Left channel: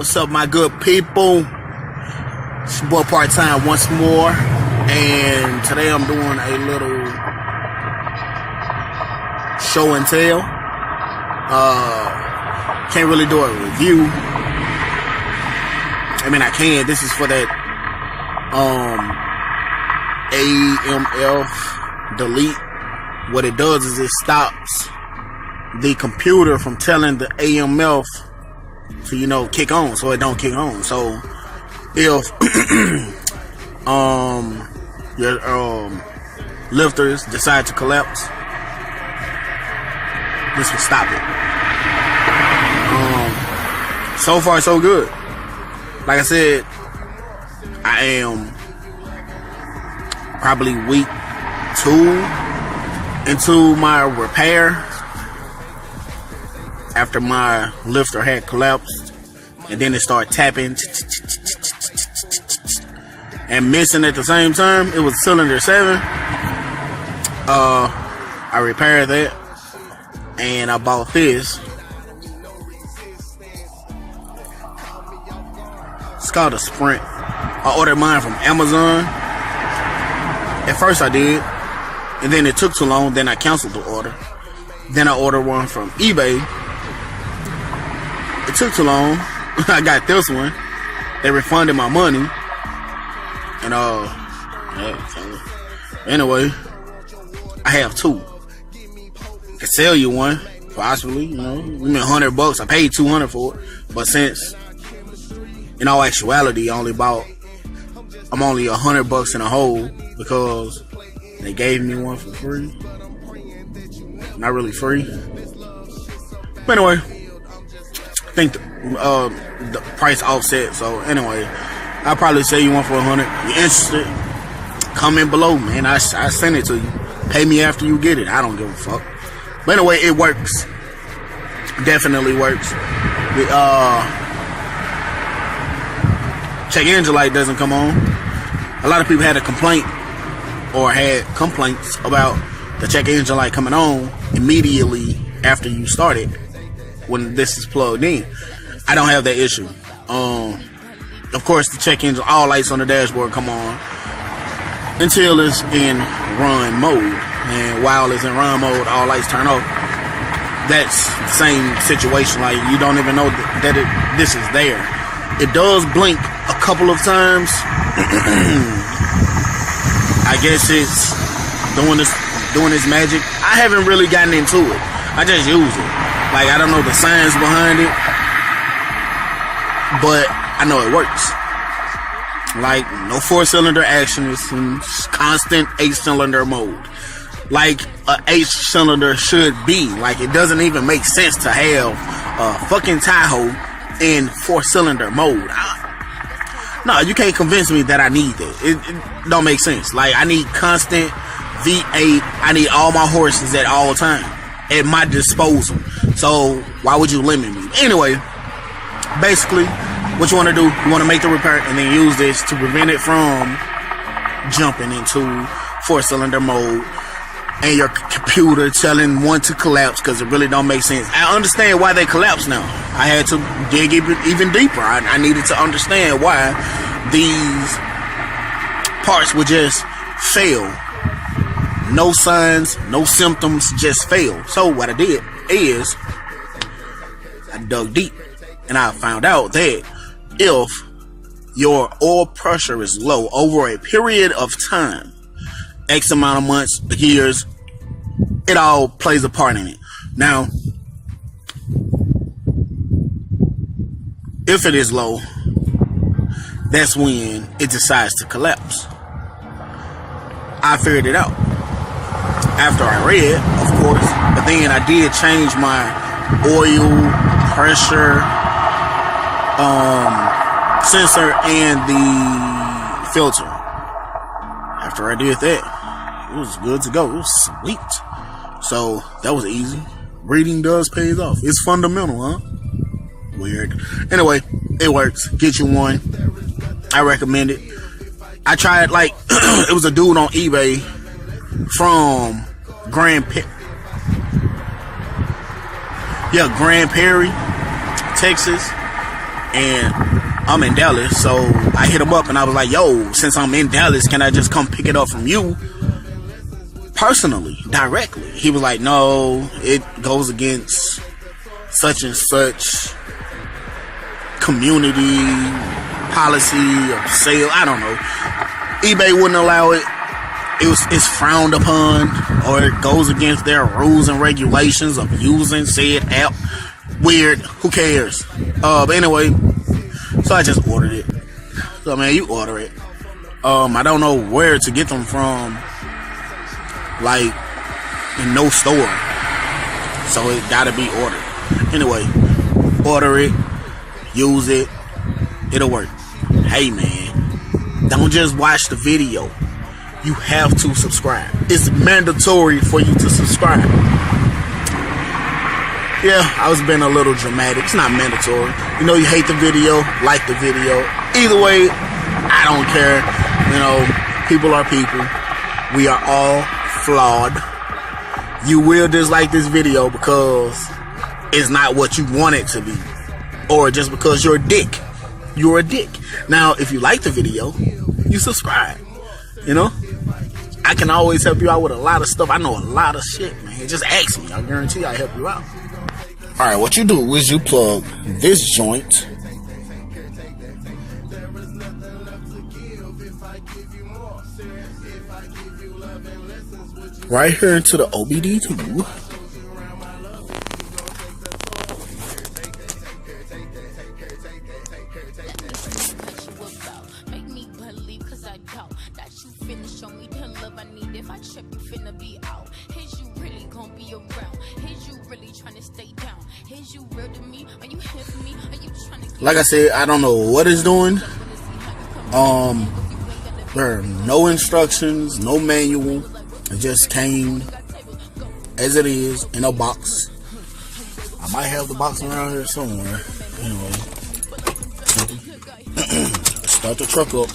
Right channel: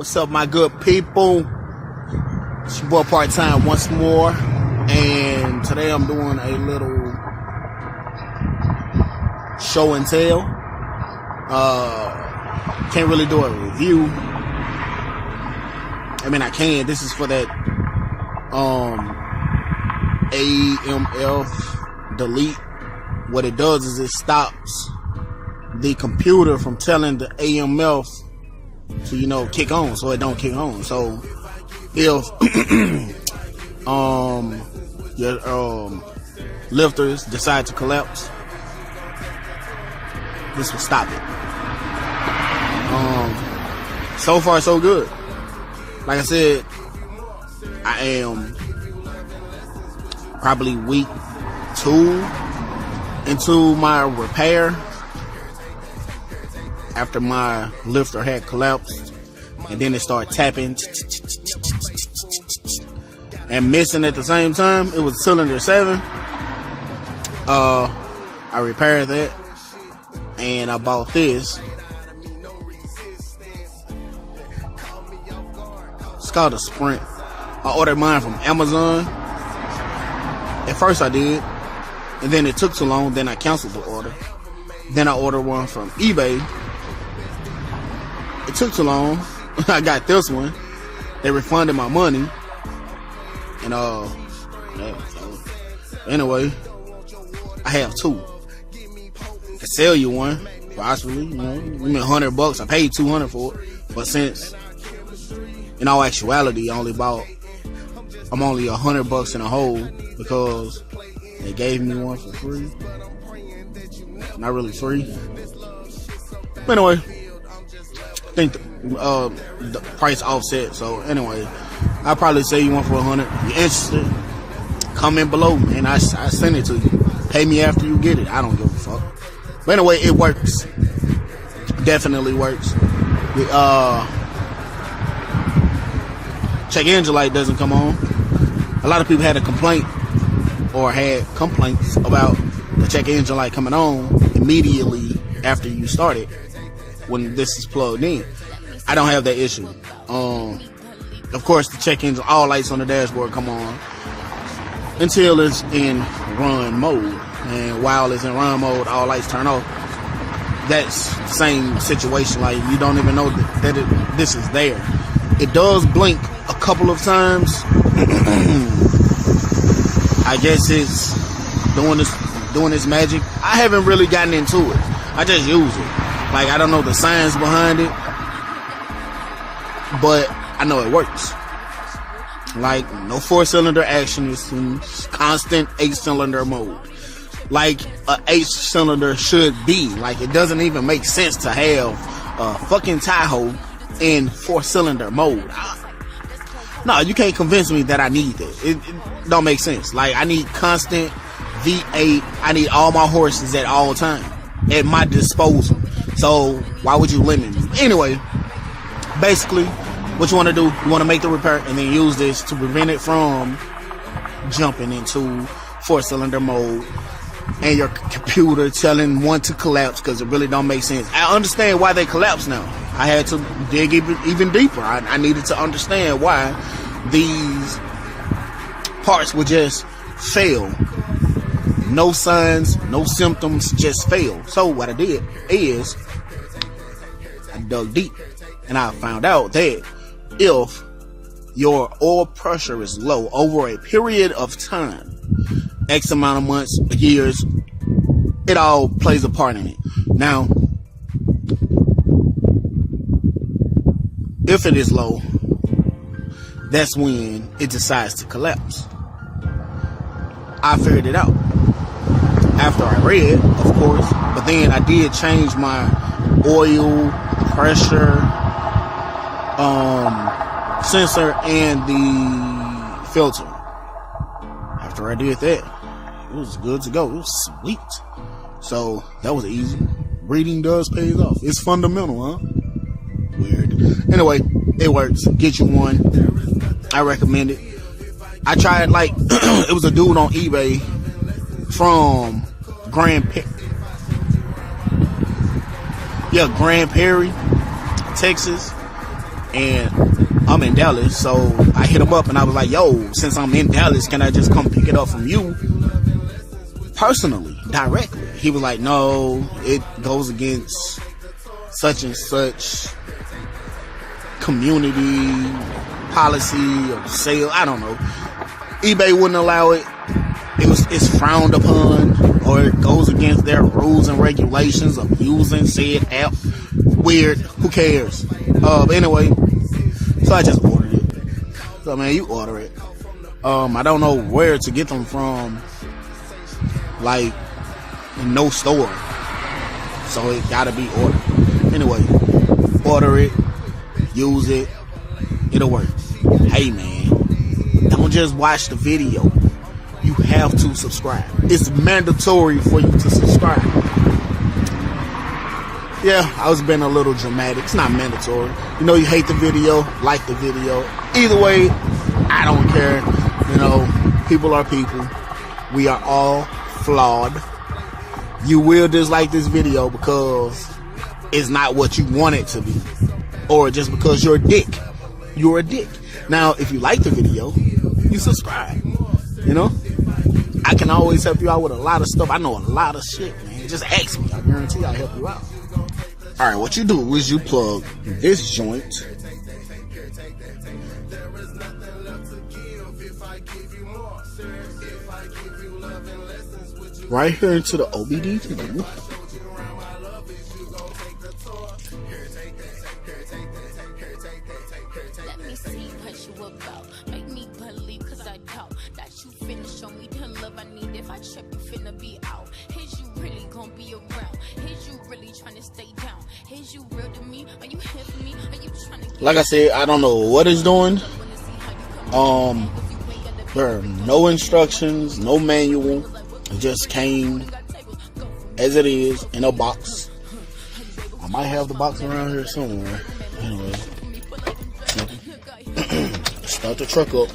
What's up, my good people? It's your boy Part-Time once more, and today I'm doing a little show and tell. Can't really do a review. I mean, I can. This is for that AFM delete. What it does is it stops the computer from telling the AMF to, kick on, so it don't kick on. So if your lifters decide to collapse, this will stop it. So far, so good. Like I said, I am probably week 2 into my repair after my lifter had collapsed, and then it started tapping and missing at the same time. It was cylinder 7. I repaired that, and I bought this. It's called a Sprint. I ordered mine from Amazon. At first I did, and then it took too long. Then I canceled the order. Then I ordered one from eBay. It took too long. I got this one. They refunded my money. And anyway, I have 2. I can sell you one, possibly. Give me $100. I paid $200 for it. But since, in all actuality, I'm only $100 in a hole because they gave me one for free. Not really free. But anyway, I think the price offset. So anyway, I'll probably sell you one for $100. If you're interested, comment below, man. I send it to you. Pay me after you get it. I don't give a fuck. But anyway, it works. Definitely works. The check engine light doesn't come on. A lot of people had a complaint or had complaints about the check engine light coming on immediately after you start it when this is plugged in. I don't have that issue. Of course, the check engine, all lights on the dashboard come on until it's in run mode. And while it's in run mode, all lights turn off. That's the same situation. Like, you don't even know that this is there. It does blink a couple of times. I guess it's doing its magic. I haven't really gotten into it. I just use it. Like, I don't know the science behind it, but I know it works. Like, no 4-cylinder action. It's constant 8-cylinder mode. Like an 8-cylinder should be. Like, it doesn't even make sense to have a fucking tahoe in 4-cylinder mode. No, you can't convince me that I need that. It don't make sense. Like, I need constant V8. I need all my horses at all time at my disposal. So why would you limit me? Anyway, basically, what you want to do, you want to make the repair and then use this to prevent it from jumping into 4-cylinder mode and your computer telling one to collapse because it really don't make sense. I understand why they collapse now. I had to dig even deeper. I needed to understand why these parts would just fail. No signs, no symptoms, just fail. So what I did is I dug deep and I found out that if your oil pressure is low over a period of time, X amount of months, years, it all plays a part in it. Now, if it is low, that's when it decides to collapse. I figured it out after I read, of course, but then I did change my oil pressure sensor and the filter. After I did that, it was good to go. It was sweet. So that was easy. Reading does pay off. It's fundamental, huh? Weird. Anyway, it works. Get you one. I recommend it. I tried, like, it was a dude on eBay from Grand Prairie, Texas. and I'm in Dallas, so I hit him up and I was like, yo, since I'm in Dallas, can I just come pick it up from you personally, directly? He was like, no, it goes against such and such community policy or sale. I don't know. eBay wouldn't allow it. It's frowned upon, or it goes against their rules and regulations of using said app. Weird. Who cares? But anyway, so I just ordered it. So man, you order it. I don't know where to get them from. Like, in no store. So it gotta be ordered. Anyway, order it, use it, it'll work. Hey man, don't just watch the video. You have to subscribe. It's mandatory for you to subscribe. Yeah, I was being a little dramatic. It's not mandatory. You know, you hate the video, like the video. Either way, I don't care. You know, people are people. We are all flawed. You will dislike this video because it's not what you want it to be. Or just because you're a dick. You're a dick. Now, if you like the video, you subscribe. You know? I can always help you out with a lot of stuff. I know a lot of shit, man. Just ask me. I guarantee I'll help you out. Alright, what you do is you plug this joint right here into the OBD tube. Make me believe, cause I doubt that you finna show me the love I need. If I trip, you finna be out. Is you really gonna be around? Is you really trying to stay down? Is you real to me? Are you here for me? Are you trying to? Like I said, I don't know what it's doing. There are no instructions, no manual. It just came as it is in a box. I might have the box around here somewhere. Anyway. Start the truck up.